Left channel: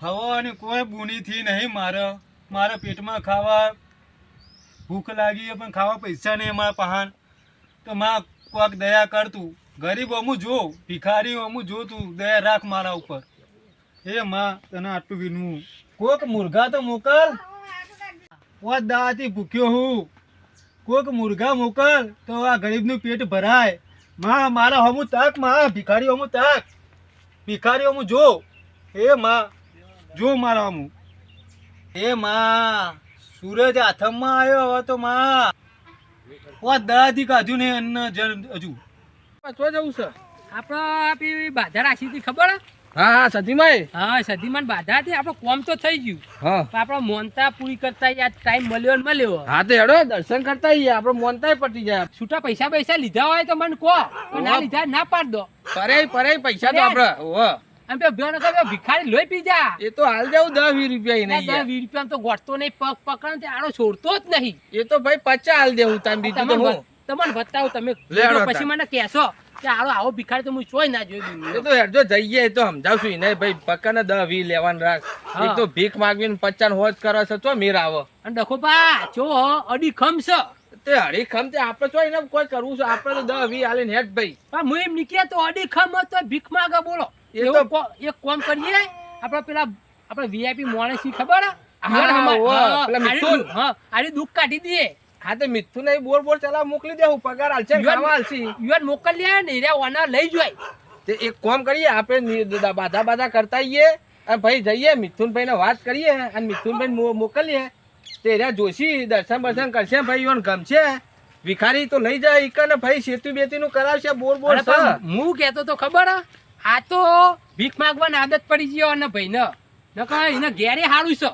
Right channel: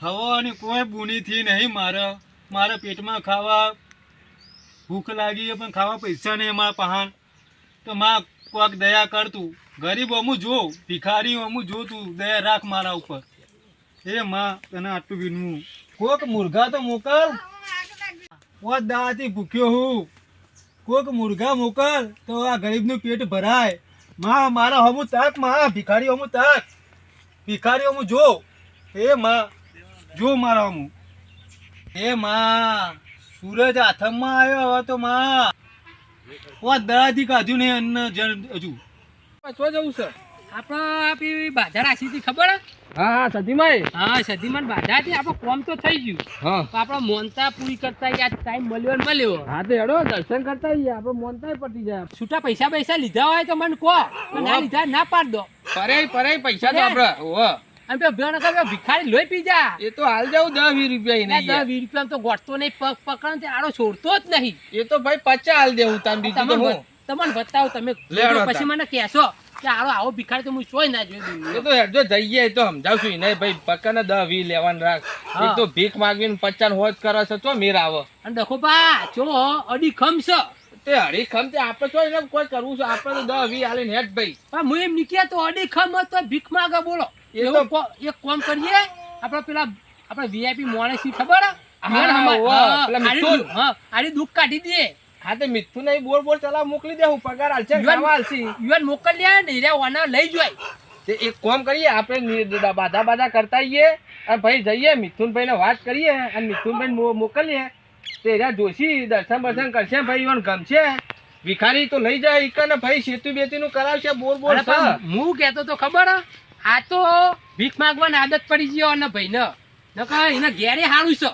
હવાની કોઈ બુનીથી નહીં, મારે, મારા પેટમાં ખાવા ભૂખ લાગી પણ ખાવા પૈસા નહીં અમારા પહાણ. તો માં કોક દયા કર તું. ગરીબ અમું જો ભિખારી અમું જો તું, દયા રાખ મારા ઉપર. હે માં, તને આટલું વિનવું. કોક મુર્ગા તો મોકલ. પોત દાવાથી ભૂખ્યો હું. કોક મુર્ગા મોકલ, તો આ ગરીબનું પેટ ભરાય. માં, મારા હમું તાકમાં ભિખારી હમું તાક. ભિખારી હું જો હે માં જો મારા હું હે માં, સૂરજ હાથમાં આવ્યો હવે તો માં. દડાથી કાઢ્યું નહીં અન્ન જન હજુ. પાછવા જવું છે. આપણે આપી બાધા રાખી હતી ખબર? હા હા સતીમાઈ હા સધીમાં બાધા હતી. આપણો કોમ તો થઈ ગયું. હા. આપણો મોનતા પૂરી કરતા આ ટાઈમ મળ્યો ને મળ્યો. હા તો હેડો દર્શન કરતા આઈએ. આપણો મોનતા પટી જાય. છૂટા પૈસા પૈસા લીધા હોય તો મને કહો. ના લીધા ના પાડ દો. પરે પરે પૈસા તો આપણે ઓહો. અને પેલો ભેણ કરે ભિખારી લોહી પી જા. એ તો હાલ જાવ દસ વીસ રૂપિયા એને દસ વીસ રૂપિયા તો ગોઠતો નહીં પગ પકડ તે આડો છોડતો જ નહીં. એ તો ભાઈ પચાસ હાલ દેવું તમે બીજું તો તમને હું. તમને બતાવો તમે પછી મને કહેશો. કે આવો ભિખારી તો હું ચોય ના જોઈ તો હેડજો જઈએ તો સમજાવશું નહીં ભાઈ પક્કાને દસ વી લેવાનું રાખ. એક તો ભીખ માગવીને પચાસ હોજ કરો છો તો મીર આવો. અને ડખો પા જો અડી ખમશ તે અડી ખમ તે આપણે તો એને કોઈ કરવું છે? આપણે તો દસ વી હાલીને હેડ ભાઈ. પણ હું એમ નીકળ્યા તો અડી ખમ તો ભીખ માંગે બોલો. એ તો- એક કોમ કરીએ. આપણે પેલા આપણે વીઆઈપી મોણે ની ખબર? હે? પેલા મિથુન. હા, આડી દુઃખ કાઢી દઈએ. હા તે મિથુન નહીં બોર બોર ચલાવ મોકલી દેવું પગાર હાલશે ખાવા હાલશે યુવાન મોકલ્યા ને રે ઓના લઈ જોય. તે એક કામ કરીએ આપણે બાધા બાધા કરતા આઈએ અને ભાઈ જઈએ મિથુનભાઈ ને વાત કરીએ અને મિથુનભાઈ મોકલીએ. તે રહ્યા જોશી દર્શન બર્શન કરશે ભાઈ યુવાન ગમશે. ભિખારી તો લઈ જાય એક ને ભાઈ સેતુ બેતી નું કરાવશે બોર બોર હું કહેતો તો ખબર? આ તો ભીખ માગવાની આદત પડી ગયો અને ભાઈને. નકર એને ઘેરે હારું છે.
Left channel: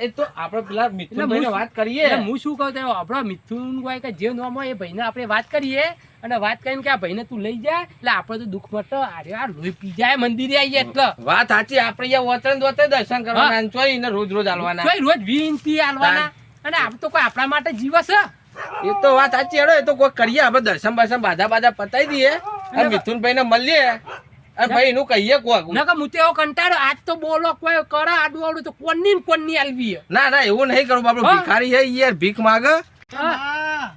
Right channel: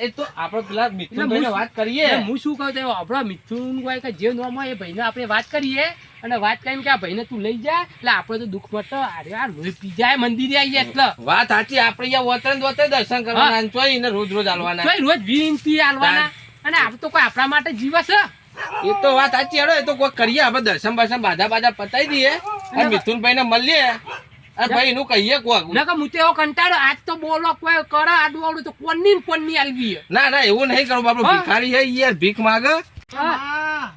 એ તો આપણે પેલા મિથુનભાઈ વાત કરીએ. હું શું કહું છું આપણા મિથુન હોય કે જે નામ હોય એ ભાઈને આપણે વાત કરીએ અને વાત કરીને કે આ ભાઈને તું લઈ જા. એટલે આપણે તો દુઃખ મટે અરે આ લોહી પી જાય મંદિરે આવીએ એટલે. વાત સાચી આપણે અહીંયા વતન દોતે દર્શન કરવાના અને એને રોજ રોજ આલવાના રોજ વિનંતી આલવાના અને આમ તો કોઈ આપણા માટે જીવસ છે. એ તો વાત સાચી હેડો એ તો કોઈ કરીએ આપણે દર્શન બર્શન બાધા બાધા પતાઈ દઈએ. અને મિથુનભાઈ ને મળીએ. ભાઈ એનું કહીએ કોક. નકર હું તો એવો કંટાળો આજ તો બોલો કોઈ કરે આડું તો કોની કોણની આલવી ના ના એવું નહીં કરું બાપડો. ભિખારી હે યાર ભીખ માગે. હા.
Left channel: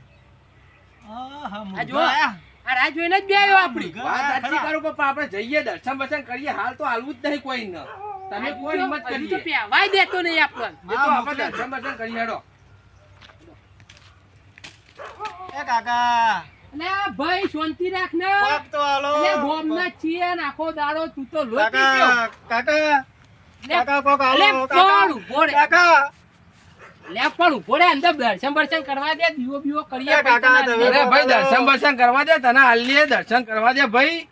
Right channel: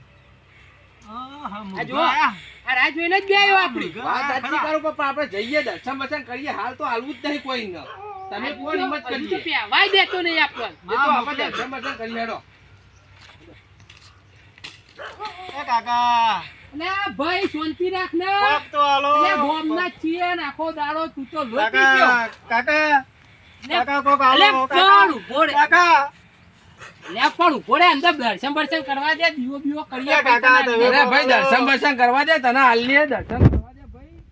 ન ભાઈ શાંતિ રાખ ને. કોક તો હાલો. એટલે ગોમના છીએ નાખો આખો દાડો તું તો લોટી ગયો. કાકા કાકા કાકા કોક હાલો કાકા. ઊભો રે. કાકા. લે પણ ઊભો રે અંદર દર્શન બર્શન કરવા દે દીવો બીવો કરીએ કાકા, પછી તમે- તને અરે ભાઈ દર્શન બર્શન કરવા દે તને હાલીએ દર્શન કરવા દે ભાઈ.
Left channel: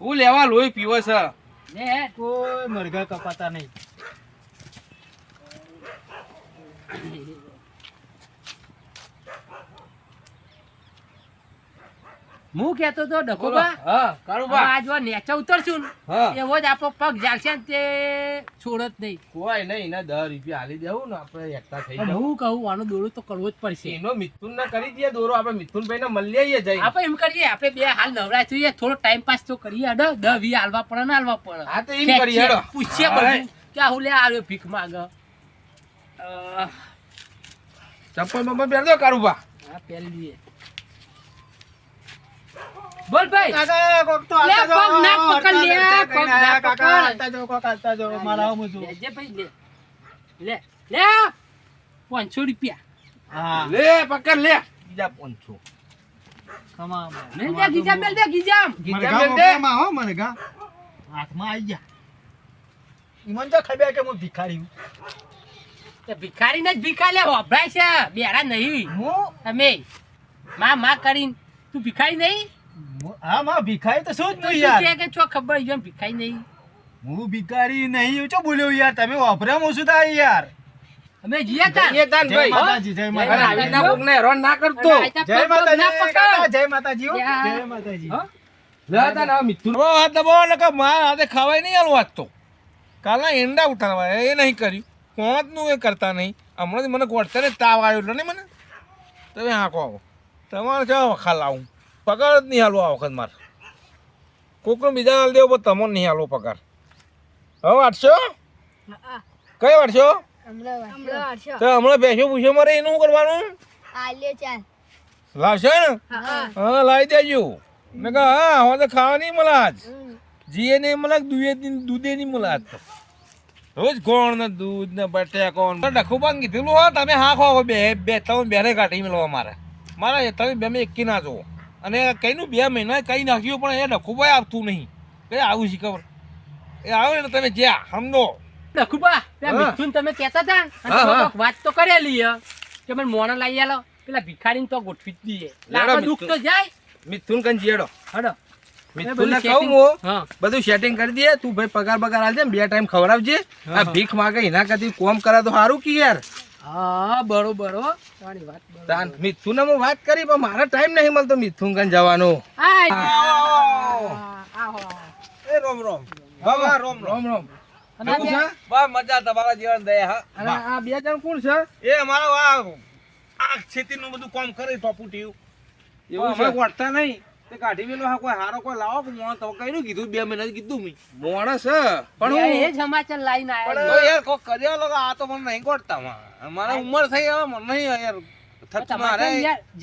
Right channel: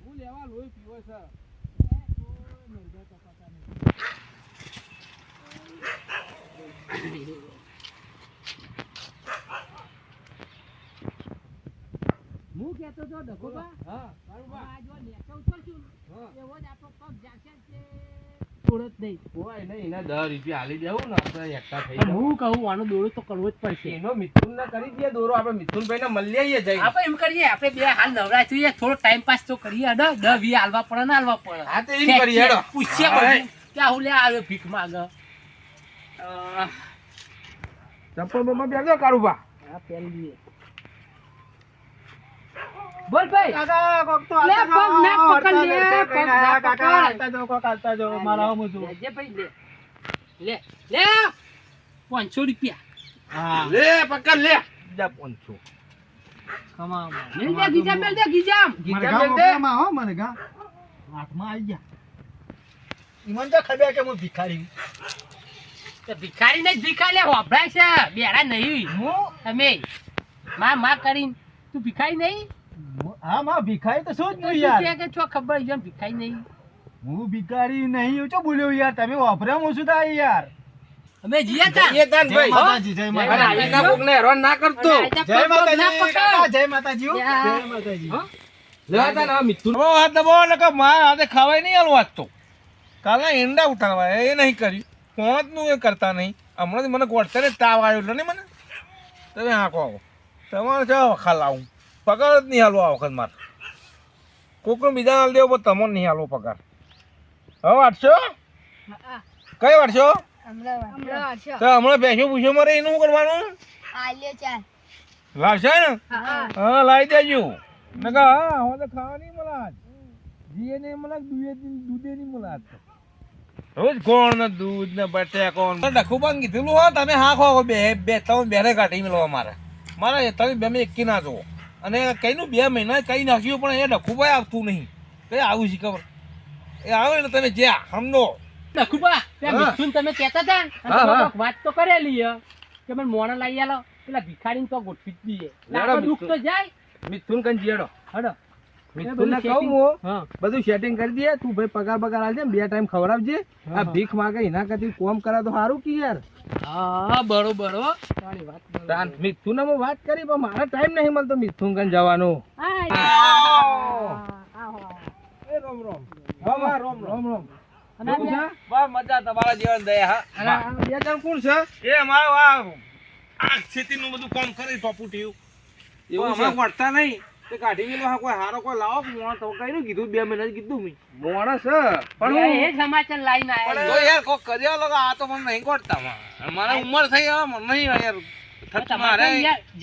હું લેવા લોહી પીવો છે. ને કોઈ મરઘા કપાતા નહીં. હું કેતો તો ડખોબા હા કારું બા. આ જો નેચા ઉતરશું ને. હા. એવો જ આપણો પગ જાગશે ને તે છોડત નહીં. કોઈ નહીં એને દસ રૂપિયા હાલી દેવું ને આપણે એકતા થઈ જાય હું કહું આનો દોરો તો કરવો જ પડશે. એનો મિથુન ને કરી દઈએ દોરો આપણે મિથુનભાઈ ને મળી આવીએ જઈ આપણે એમ કરીએ આપણે બે હાલ નવરાય છીએ થોડો ટાઈમ પાસ તો કરીએ અડો દસ વીસ હાલવા પડે ને હાલવા પડે. હા તો એમ કરીએ હેડો. પૂછીએ બધું. કે હું લે આવ્યો ભીખ માંગ? ચપ્પલ બપ્પલ પહેરજો કારું બા. હા પહેરી લઈએ. બોલ ભાઈ. કાકા કોક તો લે, પગ ના પકડ લે, પગ ના કાકા. હાલતા જાઓ, કોક હાલતા જાઓ, મારા આવું છું. લેજે ભાઈ લે. લે લે. પાંચસો રૂપિયા. હા. લે પકડ લે. બીજા પોનસો કમા મેલ દે ગીજામ. મેલ દે ગીજામ મેલ દે. મોકલામાં હો મરઘા હાથમાં આવી ગયા. ઈમન તો ખબર કે હું ભિખારી છું. તો ભિખારી ને જ ભિખારી લે હોભરાય છે. બેરા નહીં. હું? તમે માં માં કરીને. તું ભિખારી નહીં? હું- હા માં ભિખારી તો શું જ નહીં તું યાર. કે છો ખબર છે ભિખારી નહીં. હું ભિખારી નહીં હું ચો બોલ્યો યાર? તમે વાપરા મો શું થાય યાર? અમે જીયા તા. જઈએ તાન જય માતાજી. જય માતાજી. આવી રીતના ને રોન ના કરતો. જય માતાજી જય માતાજી જય માતાજી હો? લે તાન આ બહુ હાથ દબાવો ને કે માર હાથે ખાવાય નહીં હાલ વાગતો કાલના ઈંડા ઉઠાવા એ નહીં કર્યું. કોણતનું એ કરતા નહીં. હમણાં મને ગોળતરે તાવ આવ્યો એટલે ને મને? તમે હા કહો તમારે કેવા વખા લાવું? પગાર જ નહીં હાલવો આ વખત મારે. કોકનો બીજા હાલ દેવો પણ તમને નહીં હાલવો પગાર. હવે વાંચશો કઈ વાંચશો તો હમણાં બેસો પૂછો મારે એનું શું કરવાનું? લાવશે ને? હા હા. લાવી દેજો. નકા હા હવે તો ખાવા નહીં મળે આજ જીએ નહીં મળે દૂધે દૂધે નહીં મળે. આજ તો રોજ કોણ ને દૂધ ને બટેકા કોણ ડખું પણ કીધેલું હો તમે હા ખો બે બે તમે બેને કાઢી મેળવો મારે. મારા તમે બે એકી ના જુઓ. અને કઈનું બે મહિના કઈ નાખ્યું પણ એ ભાઈ આવતું નહીં. કઈ આવું છે ખબર. એ આવે ને તમે જ્યાં સમજો ડખુબા ત્યાં મિથુન તમે કહેતા હતા? અને વાત તો કરેલી હે. કે મને મોણ લઈ આલો. પેલા ભિખારીને તો ગોઠવી જ દઈએ દુઃખ તો જાય. મિથુન કન જેડો હડો. મિથુનને કહું હું. બધું સેટિંગ કરી દે તું ભાઈ પગાર બગાર આલજે બે ટાઈમ ખવડાવજે. આ ભીખ માગે એના કરતી કોમ કરા તો સારું કે યાર? હા બરોબર હો. વાત. તાન મિથુન હું વાત કરી પણ મારો ટાઈમ નહીં મળતો મિથુન કન જવાનો એ રોમ રોમ. હા રોમ રોમ. રોમ મજા તમારા જીવન દયા હા. આ બે જણ કોણ છે? એ અમારો આ આ ખેતીનું બધું કામ કરે ટોપુટીયું એવું છે? વળતા નહીં. તે કાઢી મેલો હા કોઈ હારો કોઈ લાવો પણ મોણ તો કઈનું કીધું બે મહિના કીધું મી. મોણસ બે એ સમાચાર પણ આયા તો યાર કોક કર્યા લોકો આ તો મને નહીં ગોઠતા મારા ઉંમર થઈ હવે મને નહીં યાર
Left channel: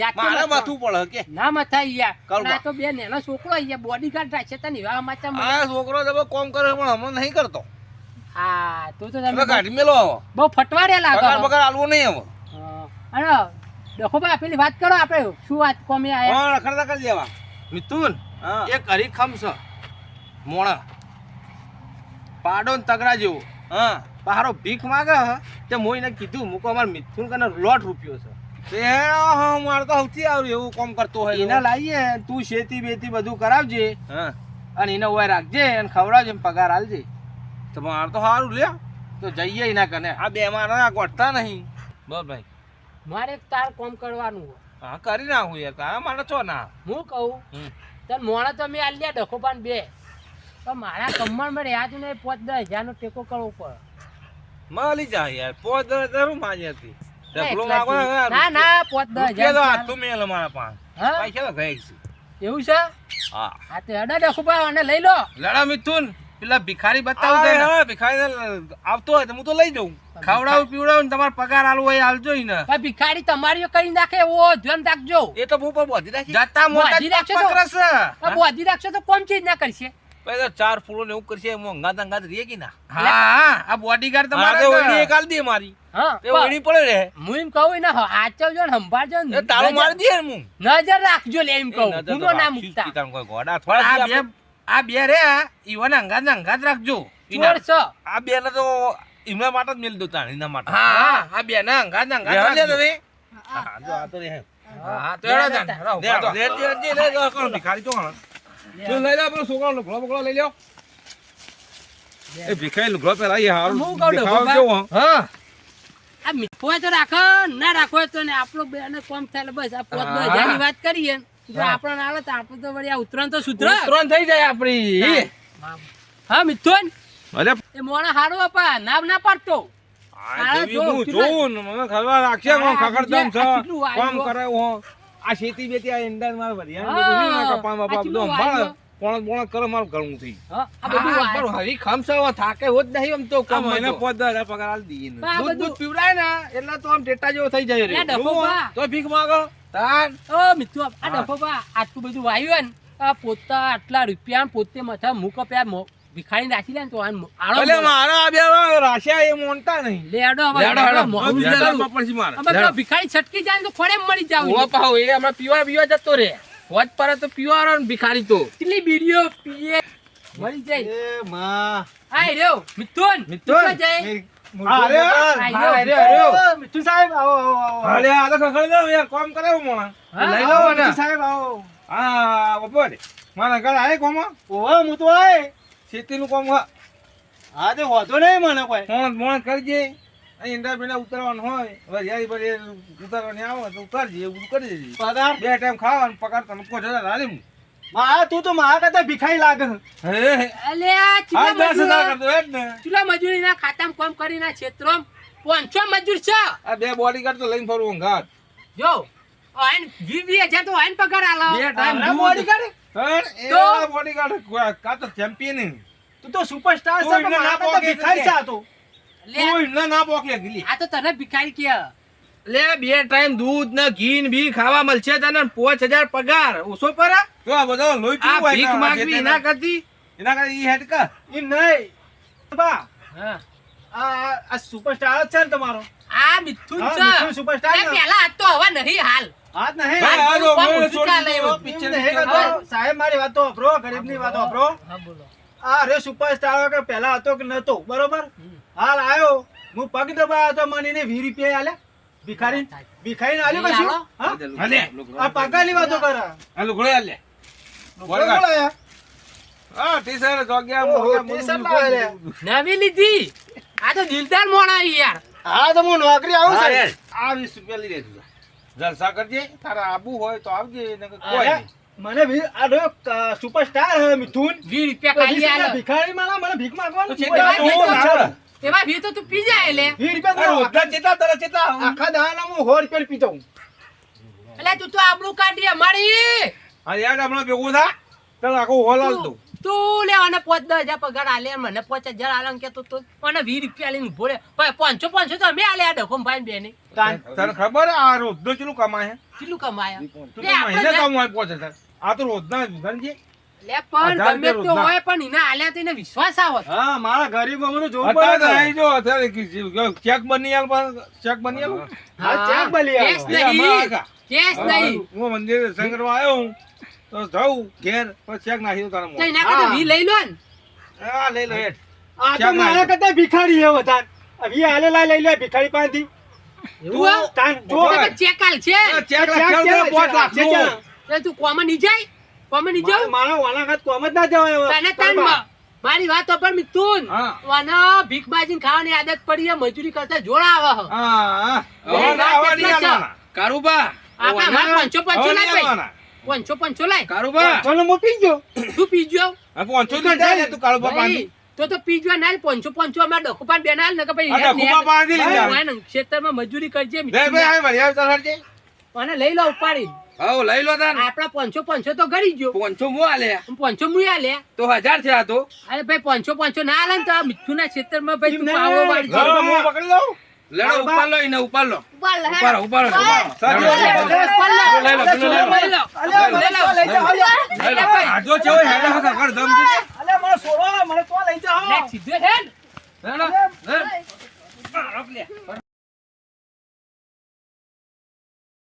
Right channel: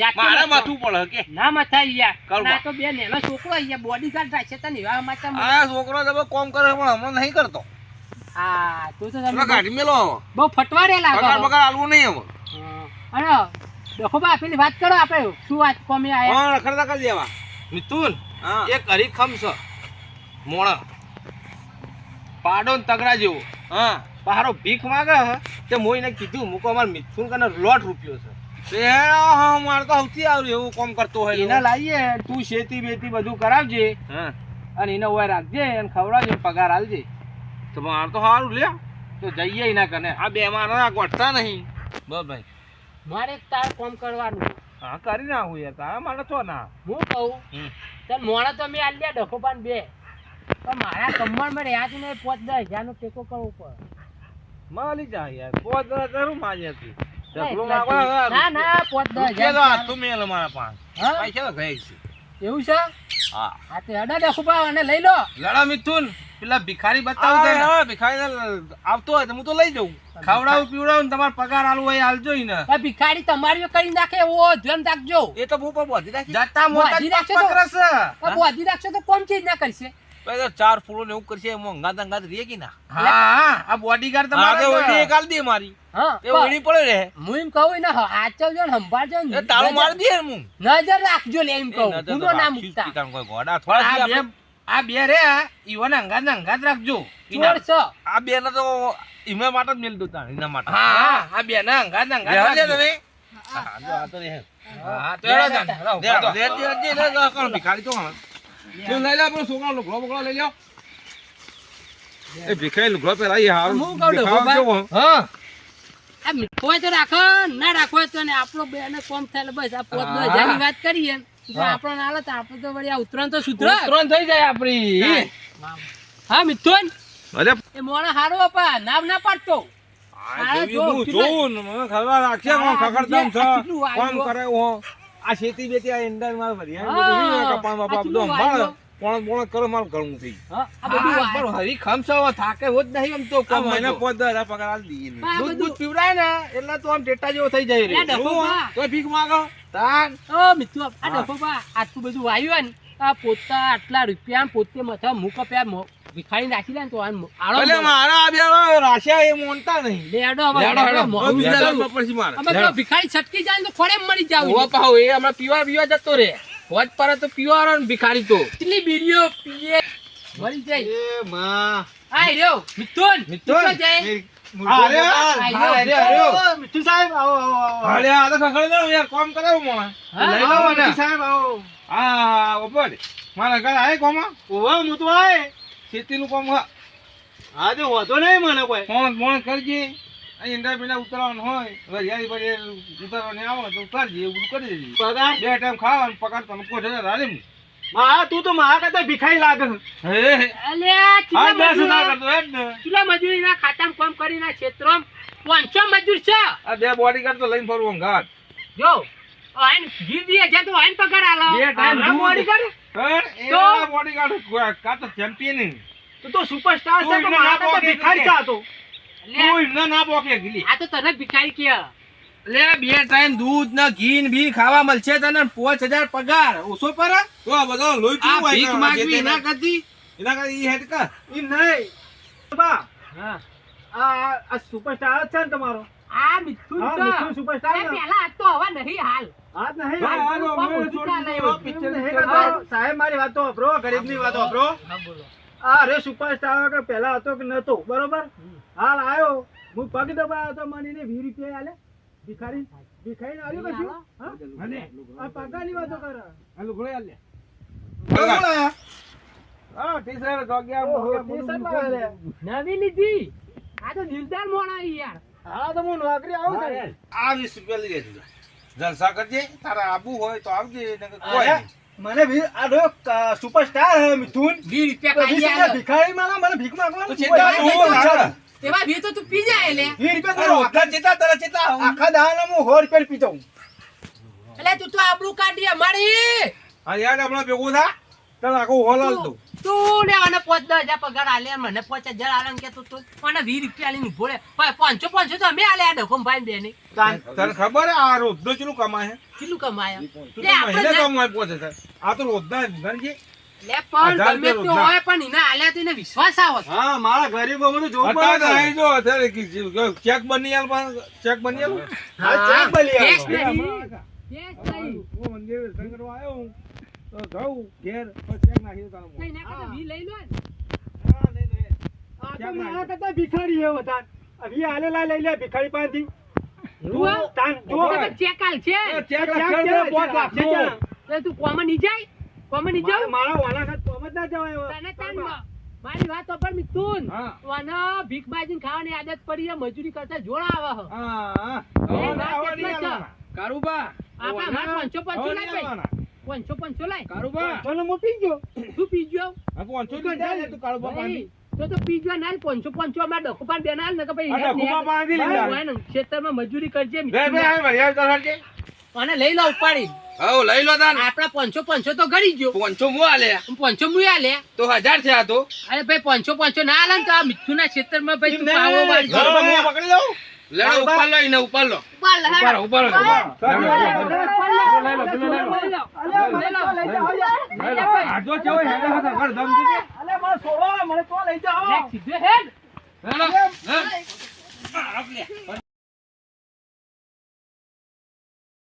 ના ના પણ હા હા. વાત કરો આપણે શું વાત કોમી આયા? હા રખડતા કરી દેવા. મિથુન એક હરીખમ છે. મોણા. પાડો ને તગડા જેવો. હા. પારો ભીખ માગે હે તે મોઈને કીધું મૂકો અમાર મિથુન કને લોટ રૂપિયો છે. એ મારે તો સૌથી આવ્યું એવું કામ કરતો હોય એને લાવીએ તું શેતી બેતી બધું કરાવજે. અને એને ઓય રાખજે અને ખવડાવજે પગાર આલજે તો મારે તો સારું લે તો જઈએ એના કને. આ બે મારા ગોઠતા નહીં. બસ ભાઈ. મારે એક તાર કોમ કરવાનું. હા કરી નાખું યાર કા? મારે છો ના. હું કહું. ચાલ મોણા તો મેં આલ્યા ડખો પાન બે. પણ મારા કમરમાં રહ્યા છે ને પોચ દસ હજારનો ટેકો કરવો પડે. માલી જાય યાર પોત હું મારી હતી ના, જ. ના ના પોચ દસ હજાર તું મેલ મારા પાંચ હા? પૈસા તો ગયા છે. એવું છે? હા. હા તે અડા ડખો પા અને લઈ લો. લડા મિથુન. પેલા ભિખારી બતાવું છે હા ભિખારી આવતો હોય તો હું તો લઈ જઉં. ખવડાવું પીવડાવું ને તમારો પગાર આલવો હોય આલજો ને. ભિખારી તમારી કરી નાખે એવો ધ્યાન રાખજો. એ તો હું પણ બોધી રાખી. જતા મોટા બોધી રાખશો તો? પકડશે. બોધી રાખશે તો કોણ ચીજ ના કરશે? ચાર ફૂલો ને એવું કરશે મોંઘા દંગા રે કે ના? હા આ બોડીગાર્ડ તમારે ઓડી એક આલ દે મારી. હા ઓડી પડે રે હું એમ કહું ને આચવજો ને સંભાળજો ને. તાળું મારી દે હું. નજર રાખજો લે એમ કહું. હું ના મૂકતા. કોઈ ગોડા થોડા આ બે રે ઈવન અંગાત ને અંગાત રાખજો. આ બે ને તો એમના માટે જ મેલ દો તાણ એના માટે. હા આ બે ના અંગાત ને અંગાત રાખજો. તમે. હા જો આ તો રે હા તો એડા જાન લે લે લે લે લે કોણ ભિખારી ચો લઈ લે આપણો છોકરાનો લુગડો બુગડો લઈ લ્યો. એ ભિખારી લુગડો પહેલા હારું હું કહું છું, દેખાવ બાબા. કેવો, હા. આ મીઠો તો રાખો ના રાખો તો ને આપણો બે ને કોમ થાય બસ આ. વાત કરીએ. તો હા. આપણો તો વળી આ ઉતરાણ તો સુધર ઉતરણ થઈ જાય આપણી હા. મિથુન? એ મોણા હારો બાપા નામ ના પાડતો. આ શેતી બેતી આ ઈંડા મારે વરિયાળી બાપા બધું સંભાળે. પોણ પોણ કરે મારું ઘણું થઈ હા, આ બધું હા, આવ્યું. પણ હરી ખમસાવો થાકે હોત નહીં આમ તો કોમ મહિને પાંચ દસ પગાર આલી દઈએ ને. દૂધ પીવડાય ને એટલે તો આમ ટેટા જેવો થઈ જાય રે. લે, ડફો એવું બા. તો ભીખ માંગો તાન ઓ મિત્ર આ ડફો બા આટલું બધું વાયુ ને પોતા આટલા રૂપિયા પોતે મથા મૂક પ્યા ભિખારી નાખી લે ને તો આ મો- આળો ભલે મળે. મારા બે રાશિયા એ મોનતા નહીં લેડો હવે. ભિખારી છટકી જાય ને તો ફળે મળી જાવ પાહો, એ હમણાં પીવા પીવા જતો રે હોજ પર તો પીવાનો ને ભિખારી તો. કેટલી બીડીઓ પીએ? મરી જાય. એ માં. આય રહ્યો મિથુન. મિથુન. જાય. હા, અરે, આ હા, રહ્યો. અરે, અરે. મિઠુ સાહેબ આવો આવો આવો. અરે આ તો ખખડી કોમ કરે હું મોણા. હા, લઈ આવો, લો ને મિઠુ સાહેબ આવો. હા ઉપર મારા ઘરે આય કોમ. ઓહો હું આય. ખેતીનું કોમ હા હા તે નહીં મને કોઈ. કરજે. ઈંડા બીંડા ઉતારવાનું હોય વરિયાળી બરિયાળી ઉતારવાની આવે તો ઉતારજે એવું બધું કરી દેજે. પગાર બે ટાઈમ ખાવાનું પગાર મા તું તો મારા કરતા ભિખારી લાગે. હે? અલ્યા આ ચૂલા દસ હજાર મજૂર કરતો હે જ ને. ચૂલા મજૂરીના ખાતામાં કામ કરીને ક્ષેત્રમાં પાંચસો મજૂર છે. આ બે બોડી ગાર્ડ લઈને ફરવું ઘાટ જો આઈન વીસ તો આઈન પગાર આલો. બે ટાઈમ બોડી કાઢે તો? બોડી ગાર્ડ કા તો ચેમ્પિયન તું તો સુપરસ્ટાર છે તું મારા તો ભિખારી છે આ તો. લે, તું ના પોકે ગીલી. આ તો તને ભિખારી કે. લે બે ટાઈમ દૂધ ને ઘી ને બી ખાવા મળશે તને પાંચ હજાર પગાર. ઓછો પર તો આ બધો લોહી પીવું હોય ભીખ માંગવી એના કરતી? એના કરતી ઈ હેડ કર નહીં. બા હા. આ આ સુપરસ્ટાર છે ને તમારો. આ મિથુન છે. મિથુન superstar છે. આ તો હવે નહીં હાલ. નહીં. પિક્ચર. સાહેબ મારી વાત તો વાપરો ગરીબની વાત વાપરો. હા બોલો. આ રે સુપરસ્ટાર કે પહેલા હતો કે નતો બરોબર? હાલ આવ્યો હું પગ દબાયો તો મને એને વીસ રૂપિયા આલે ભિખારી ભિખારી આલ્યો કશું? આલો? હા? આ પગારની વાતો કરે. આ લુગડો યાર લે બોલો, બોલો. હા ટી-શર્ટ, જોગ્યા, ઓહો, ટી-શર્ટ બધું લાવે લે. નવી લીધી. આ તો દિલદાર મોણા યાર. હા તો હું નોકરી આવું છે. આ વીસ રૂપિયા લઈ લેજો. જલસા કરજે. તારા આબુ હોય તો આવજે નકર કોઈ મને ભી આ સુપરસ્ટાર હે મિથુન. વીસ રૂપિયા ખાઈ આલો. ભિખારી મારા મને ભીખ માંગવાનું તો એમાં ભી તો તું પી જાય લે વીસ રૂપિયા કરો? ઓઢા ચેતા તારા ચેતા. આખા દાણા હું સો રૂપિયા પીતો હું. એટલે તું તો આબરૂ કાઢી અમારી. હા યાર હમણાં ભેગું થા. ચાલ આખો હોલ હાલ તું તું લે અને પાંચ દસ હજાર પગાર આલે મને પાંચ હજાર આલે કે તું તું. મને વીસ રૂપિયા લઈને ઊભો રે. ભાઈ પાંચસો પાંચસો તો અમે આલે આ ડખમ ભાઈ બે ની તાન. તને ખબર આ રોજ ચેટલું કમાય હે? કેટલું કમાય? તું તો મહિને કમાય પહોંચે હજાર. આ તો રોજના ગણજે લે પણ ગમે રૂપિયા હોય પણ એને આલ્યા તો વિશ્વાસ આવત હા મારા ગરીબ અમરું જોવું પડે અહીં જો અત્યારે ચેક બની આલ પણ ચેક બની આલ? હા, ચેક ભલી આવો. કેસ નહીં હમણાં આગા. કેસ નહીં. હું મંદિરે દર્શન આવ્યો હું તો જાઉં ઘેર પછી ચેક નાખી દઉં તારા મોં. એના કરતા વી લઈ લો ને. હા લઈ લો હેડ આ તો મારા કરતા ભિખારી હે વધાર વી આલેલા લઈ લે ભિખારી પાસેથી. એવું? તાન જો તો. ચેક આલ છે. ચેક તું કોમન નહીં જાય? કોમન નહીં મારા જાવ મારા વાલા ખાત કોમ જ ના જવાય હવે. તને તાન મારી વાત તો પણ મિથુન વાના ભીખ માજીને ખાવાની આદત પડી છે મજૂરી કરતા જોર આવે હા. ના. કારુબા આપણે અમારે પંચો પંચો લાય ભાઈ. પંચો પાંચસો લાય. કારુબા ચલો મો પીજો તું પીજો આ પંચો તો જાય ને તું કારુબા પાણી તો તો પીજો ના પંચો પાંચસો અમારે ડખુપાન બેન આલ ને કે ભાઈ ને ખેતરમાં મજૂરી કરજે. અને લઈ લો ઉપાડી હવ લઈ લો તાન. આપડા પાંચસો પાંચસો તો ગળી ગયો. પંચો મુ આલે? પાંચસો મુ આલે. તો હજાર થયા તો? અરે ભાઈ પાંચસો પાંચસો ના આલે તો આ મિથુના માં ભાઈ તું પાવો વાળી લો, લો, હું પકડી લઉં. લેડો ઉપર લો એને ઉપર લો. ઉપર ઉપર લો. પેલો લઈ લો લઈ લો લઈ લો. લઈ લો આજો છે ઓય હેડા હતા કર દમ દીધે. અલે મને સોવા મને તો લઈ જાઓ. લે, સીધે હેડ. લડો, લડ.